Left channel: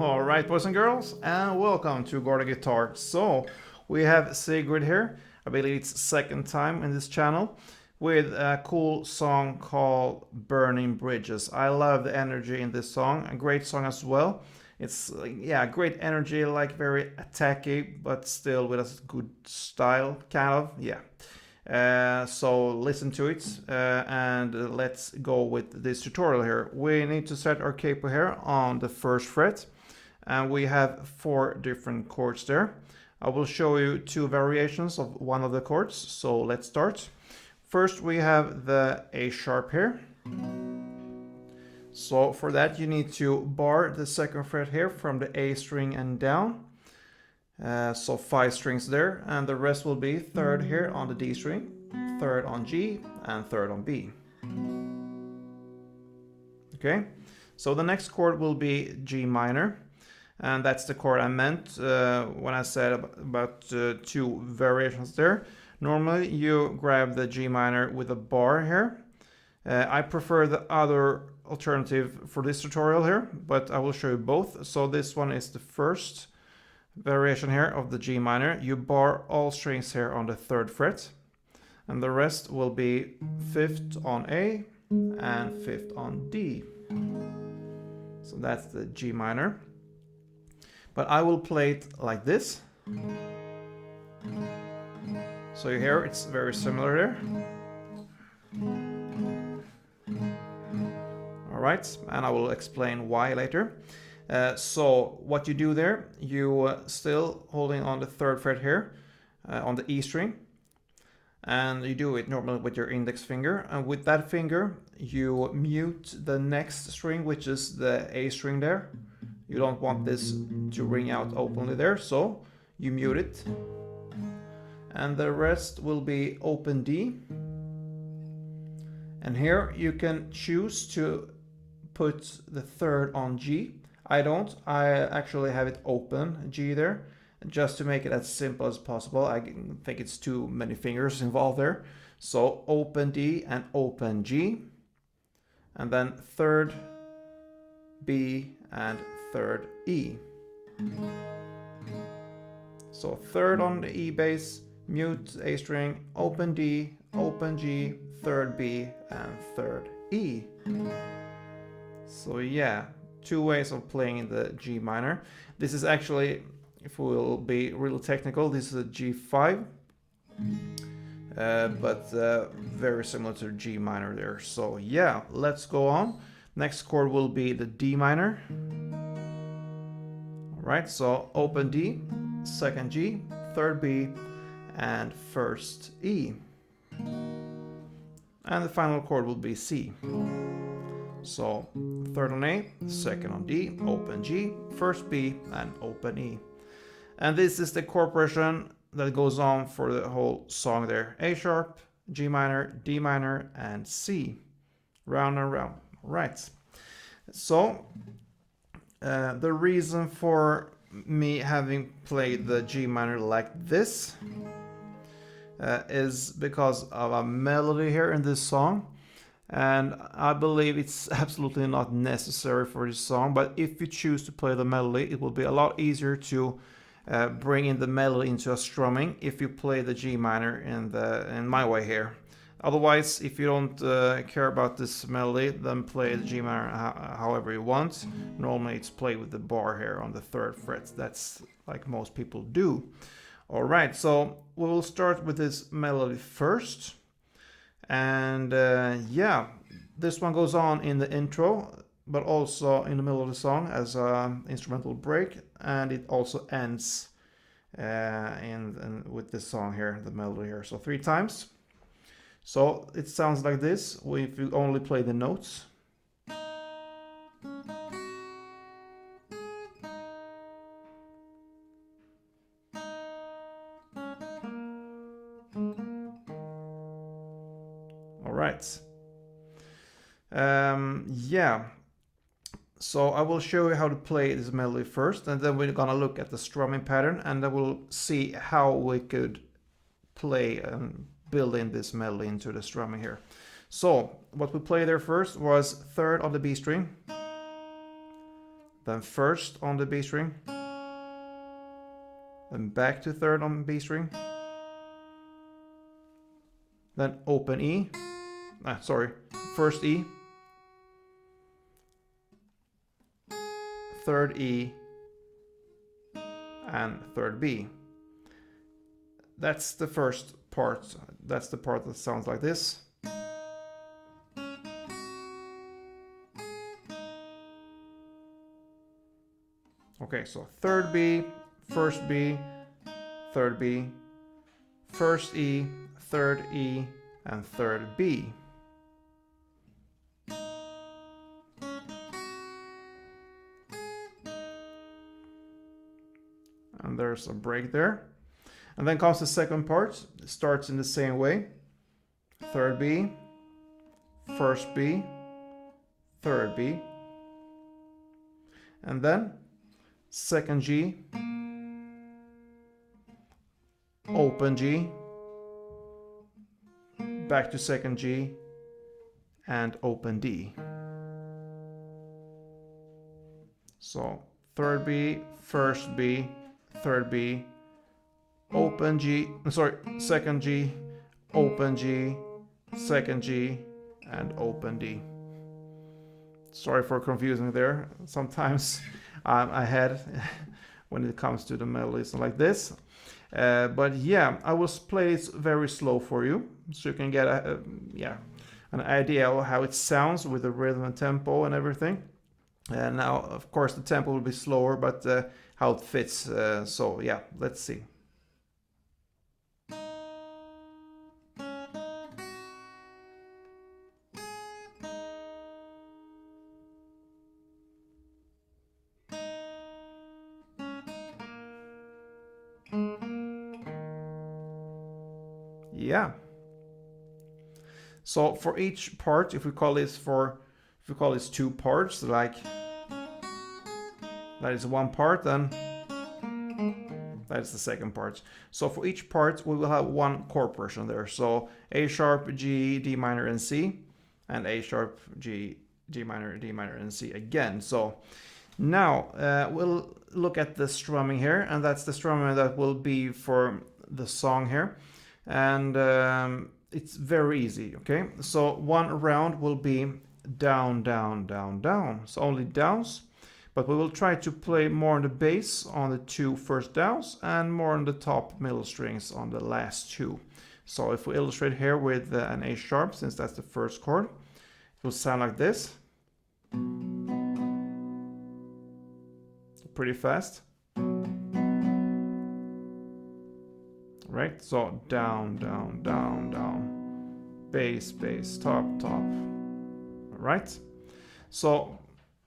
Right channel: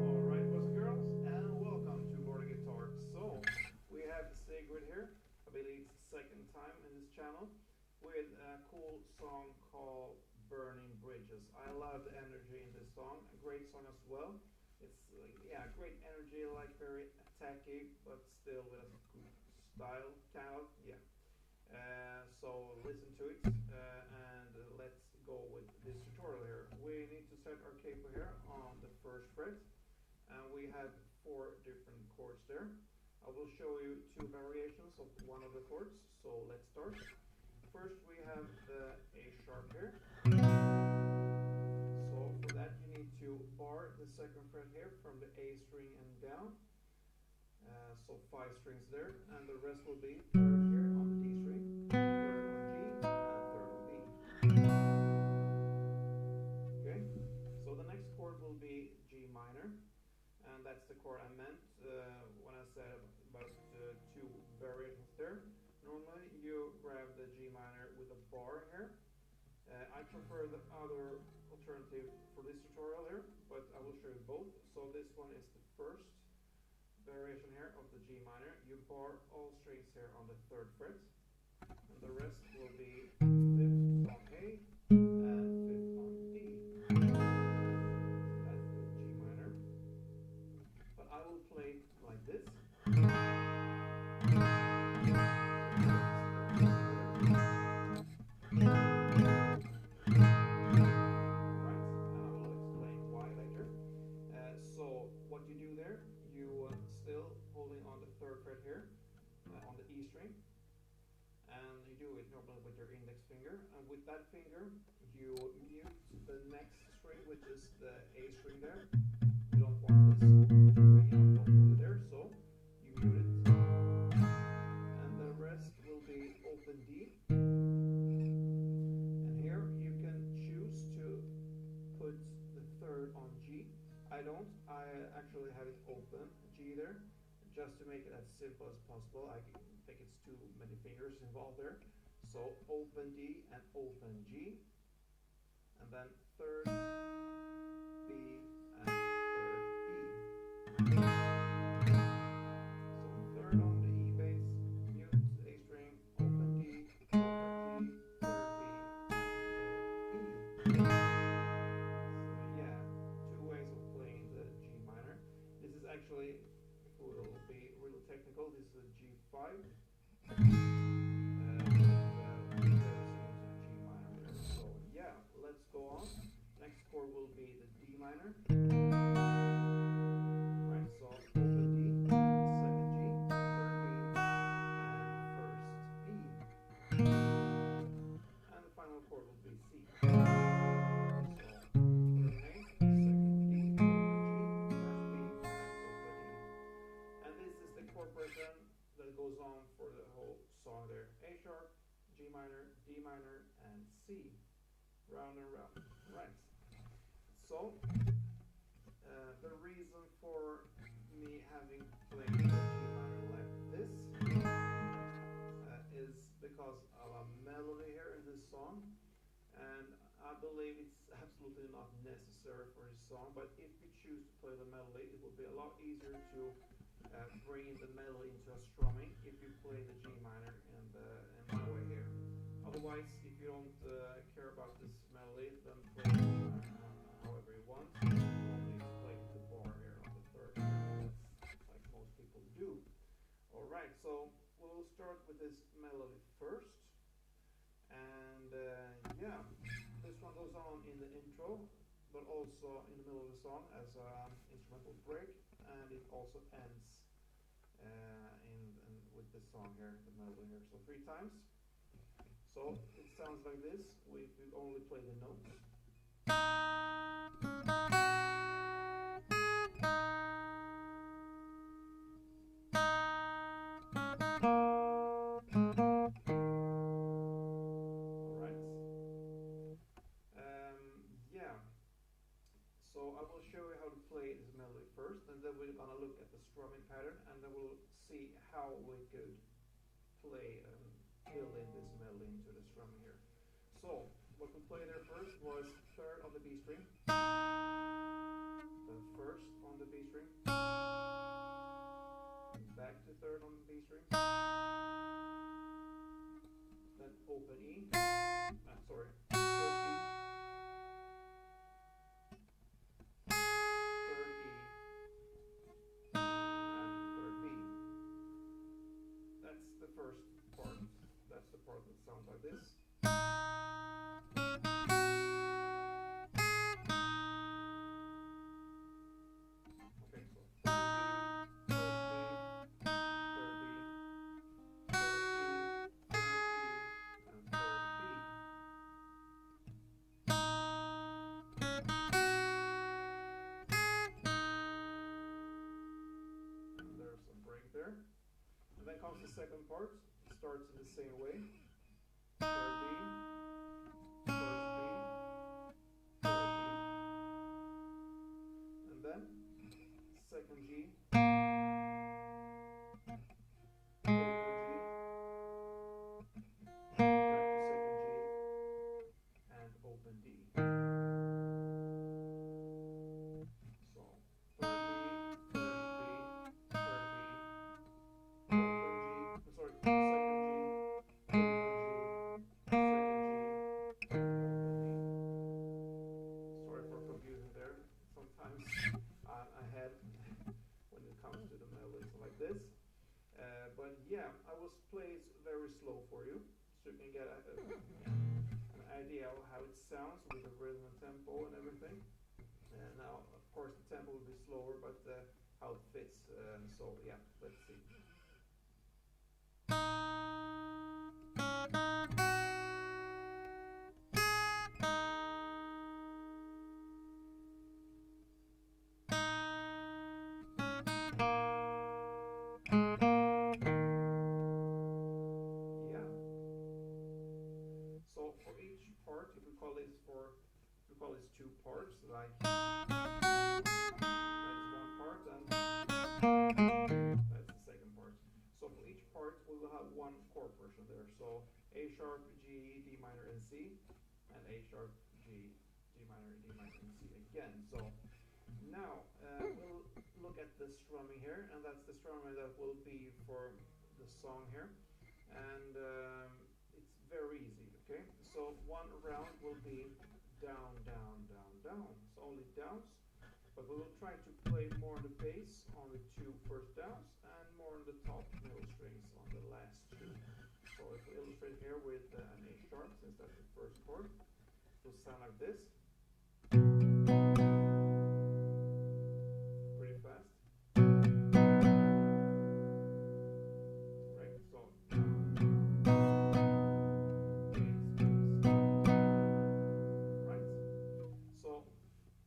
Alright, boys and girls, and welcome to Gorda Guitar. So, we have Sigrid here. I believe it's second time in this channel with a cool song called Burning Bridges. I love the energy in this song, a great song as well. It's yeah, great energy, like very attacky, but still with a good style, kind of. Yeah. So listen to it and let's go with this tutorial here. We need to set our capo here on the first fret, and we have 4 different chords there. I will show you 2 variations of one of the chords, so let's start. First we have the A sharp here. So for that you need to bar the second fret here from the A string and down. So 5 strings there, and the rest will be 3rd here on the D string, 3rd on G, and 3rd on B. Okay, so the next chord will be G minor, and that's the chord I meant when I said about 2 variations there. Normally you grab the G minor with a bar here. I prefer the other alternative for this tutorial here, but I will show you both. So this one is the first variation here of the G minor. You bar all strings here on the 3rd fret, and the rest will be 5th on A and 5th on D. So that's the G minor. But I will play it like this. So you hear it's very similar there. Alright, and I will explain why later. So what you do there, you still holding on the 3rd fret here on the E string, and you do it normally with your index finger, and with that finger you mute the next string, which is the A string there. You don't want this to ring out openly there, so you mute it, and the rest will be open D. And here you can choose to put the 3rd on G. I don't. I actually have it open G there, just to make it as simple as possible. I think it's too many fingers involved there. So open D and open G, and then 3rd B and 3rd E. So 3rd on the E bass, mute A string, open D, open G, 3rd B and 3rd E. So yeah, 2 ways of playing the G minor. This is actually, if we will be real technical, this is a G5, but very similar to G minor there. So yeah, let's go on. Next chord will be the D minor. Right, so open D, 2nd G, 3rd B, and 1st E. And the final chord will be C. So 3rd on A, 2nd on D, open G, 1st B, and open E. And this is the chord progression that goes on for the whole song there. A sharp, G minor, D minor, and C. Round and round. Right. So the reason for me having played the G minor like this is because of a melody here in this song. And I believe it's absolutely not necessary for this song, but if you choose to play the melody, it will be a lot easier to bring in the melody into a strumming if you play the G minor in my way here. Otherwise, if you don't care about this melody, then play the G minor however you want. Normally it's played with the bar here on the 3rd fret. That's like most people do. Alright, so we will start with this melody first. And yeah, this one goes on in the intro, but also in the middle of the song as an instrumental break, and it also ends with this song here, the melody here. So 3 times. So it sounds like this if you only play the notes. Alright. Yeah. So I will show you how to play this melody first, and then we're gonna look at the strumming pattern, and then we'll see how we could play and build in this melody into the strumming here. So what we played there first was 3rd on the B string, then first on the B string, then back to third on B string, then open E, first E, third E, and third B. That's the first part. That's the part that sounds like this. Okay, so third B, first B, third B, first E, third E, and third B. And there's a break there. And then comes the second part. It starts in the same way. Third B, first B, third B. And then second G, open G, back to second G, and open D. So third B, first B, third B, open G, second G, open G, second G, and open D. Sorry for confusing there. Sometimes I'm ahead when it comes to the melodies like this. But yeah, I will play it very slow for you, so you can get an idea of how it sounds with the rhythm and tempo and everything. And now, of course, the tempo will be slower, but how it fits. So yeah, let's see. Yeah. So for each part, if we call this two parts, like that is one part, then that is the second part. So for each part, we will have one chord progression there. So A sharp, G, D minor, and C, and A sharp, G, D minor, and C again. So now we'll look at the strumming here, and that's the strumming that will be for the song here. And it's very easy, okay? So one round will be down, down, down, down. So only downs, but we will try to play more on the bass on the two first downs and more on the top middle strings on the last two. So if we illustrate here with an A sharp, since that's the first chord, it will sound like this. Pretty fast. Right, so down, down, down, down, bass, bass, top, top. Right, so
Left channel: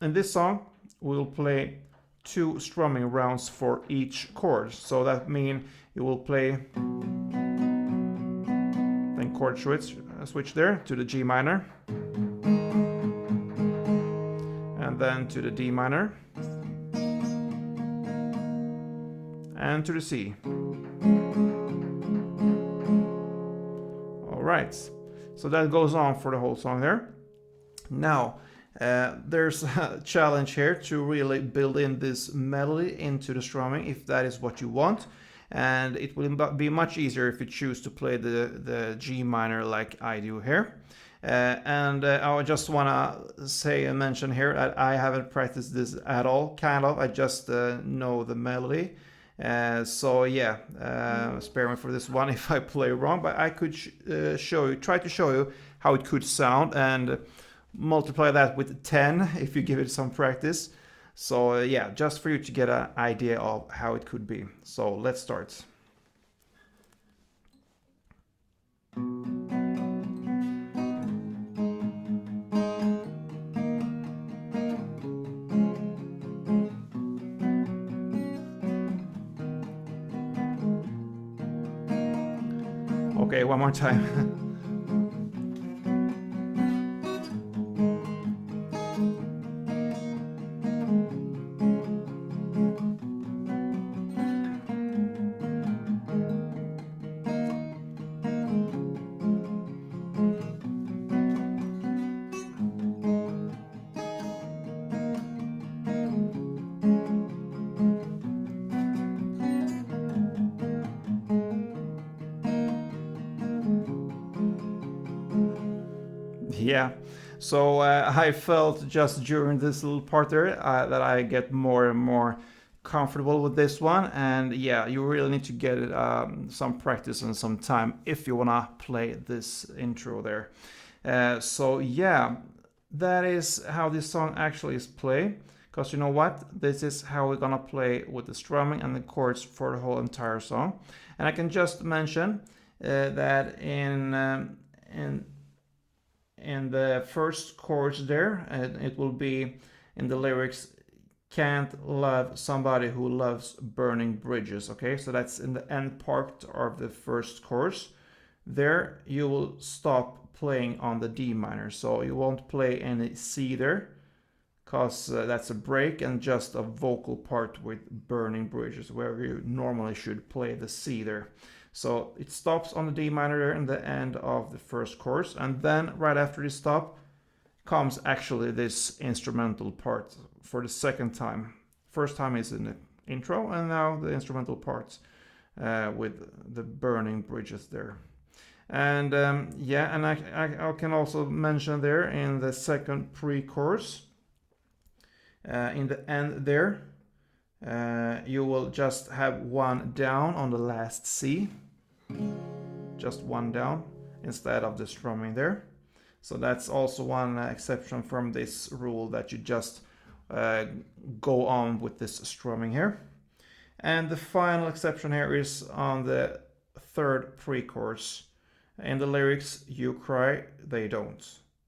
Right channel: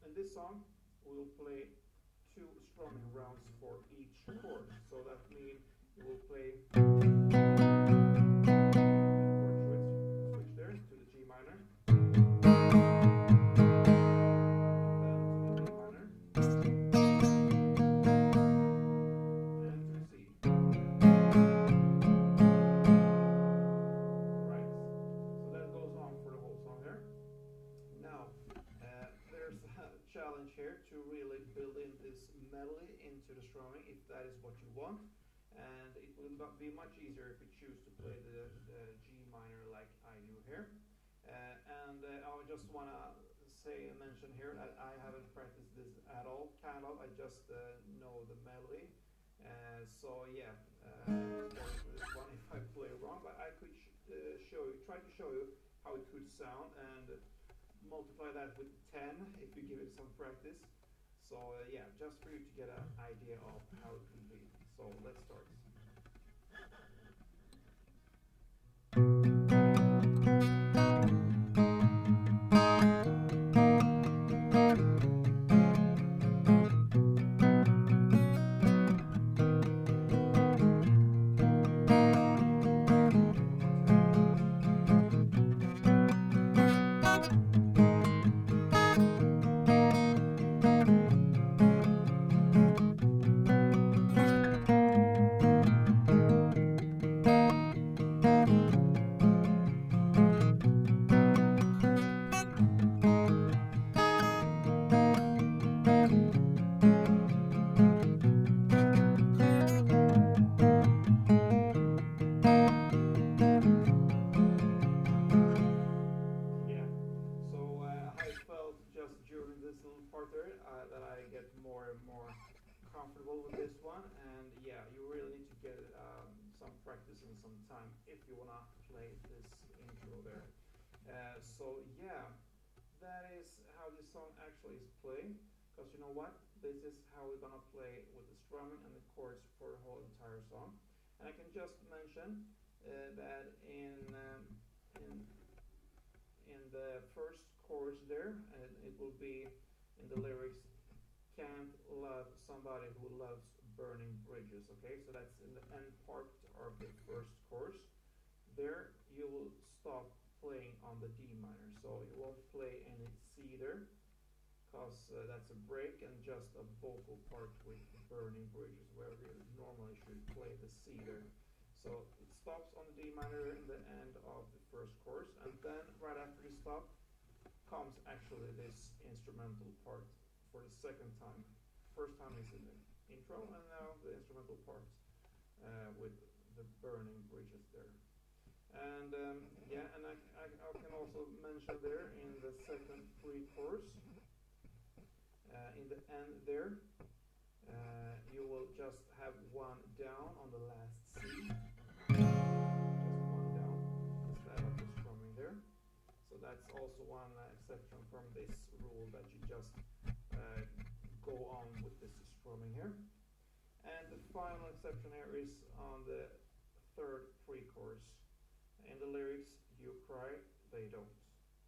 in this song we'll play 2 strumming rounds for each chord. So that means you will play then chord switch there to the G minor, and then to the D minor, and to the C. Right, so that goes on for the whole song there. Now there's a challenge here to really build in this melody into the strumming, if that is what you want, and it will be much easier if you choose to play the G minor like I do here. And I just want to say and mention here that I haven't practiced this at all, I just know the melody. So yeah, spare me for this one if I play wrong, but I could try to show you how it could sound, and multiply that with 10 if you give it some practice. So yeah, just for you to get an idea of how it could be. So let's start. Okay, one more time. Yeah. So I felt just during this little part there that I get more and more comfortable with this one, and yeah, you really need to get it, some practice and some time if you wanna play this intro there. So yeah, that is how this song actually is played. Because you know what? This is how we're gonna play with the strumming and the chords for the whole entire song. And I can just mention that in the first chorus there, it will be in the lyrics, can't love somebody who loves burning bridges. Okay, so that's in the end part of the first chorus. There you will stop playing on the D minor, so you won't play any C there, because that's a break and just a vocal part with burning bridges, where you normally should play the C there. So it stops on the D minor there in the end of the first chorus, and then right after this stop comes actually this instrumental part for the second time. First time is in the intro, and now the instrumental parts with the burning bridges there. And yeah, and I can also mention there in the second pre-chorus, in the end there, you will just have one down on the last C, just one down instead of the strumming there. So that's also one exception from this rule, that you just go on with this strumming here. And the final exception here is on the third pre-chorus. In the lyrics, you cry, they don't.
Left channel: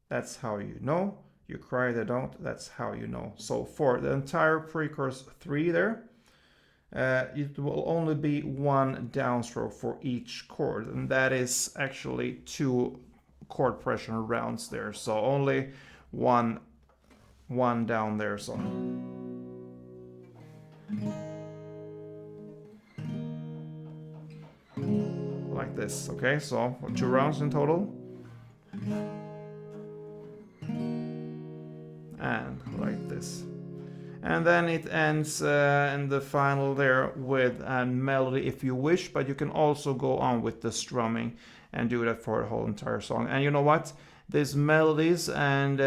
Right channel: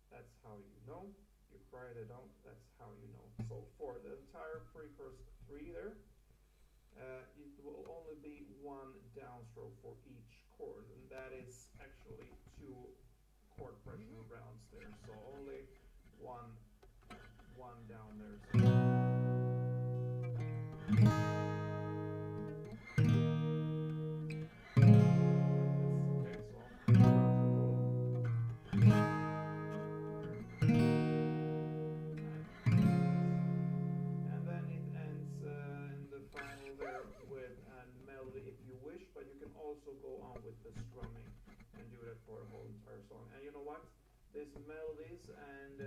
That's how you know. You cry, they don't. That's how you know. So for the entire pre-chorus 3 there, it will only be one downstroke for each chord, and that is actually 2 chord pressure rounds there. So only one down there. So like this. Okay, so 2 rounds in total. And like this. And then it ends in the final there with a melody if you wish, but you can also go on with the strumming and do that for the whole entire song. And you know what? These melodies and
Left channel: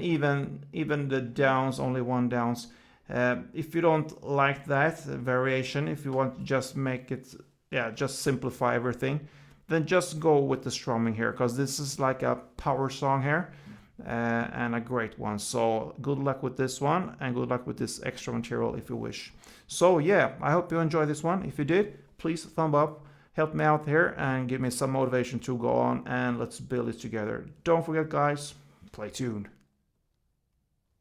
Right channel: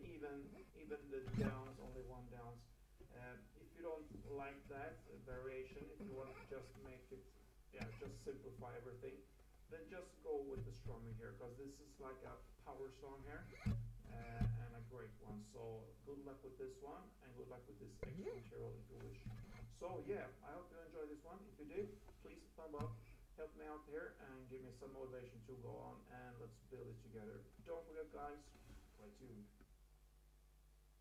even the downs, only one downs. If you don't like that variation, if you want to just make it, yeah, just simplify everything, then just go with the strumming here, because this is like a power song here. And a great one. So good luck with this one, and good luck with this extra material if you wish. So yeah, I hope you enjoyed this one. If you did, please thumb up, help me out here, and give me some motivation to go on, and let's build it together. Don't forget, guys, play tuned.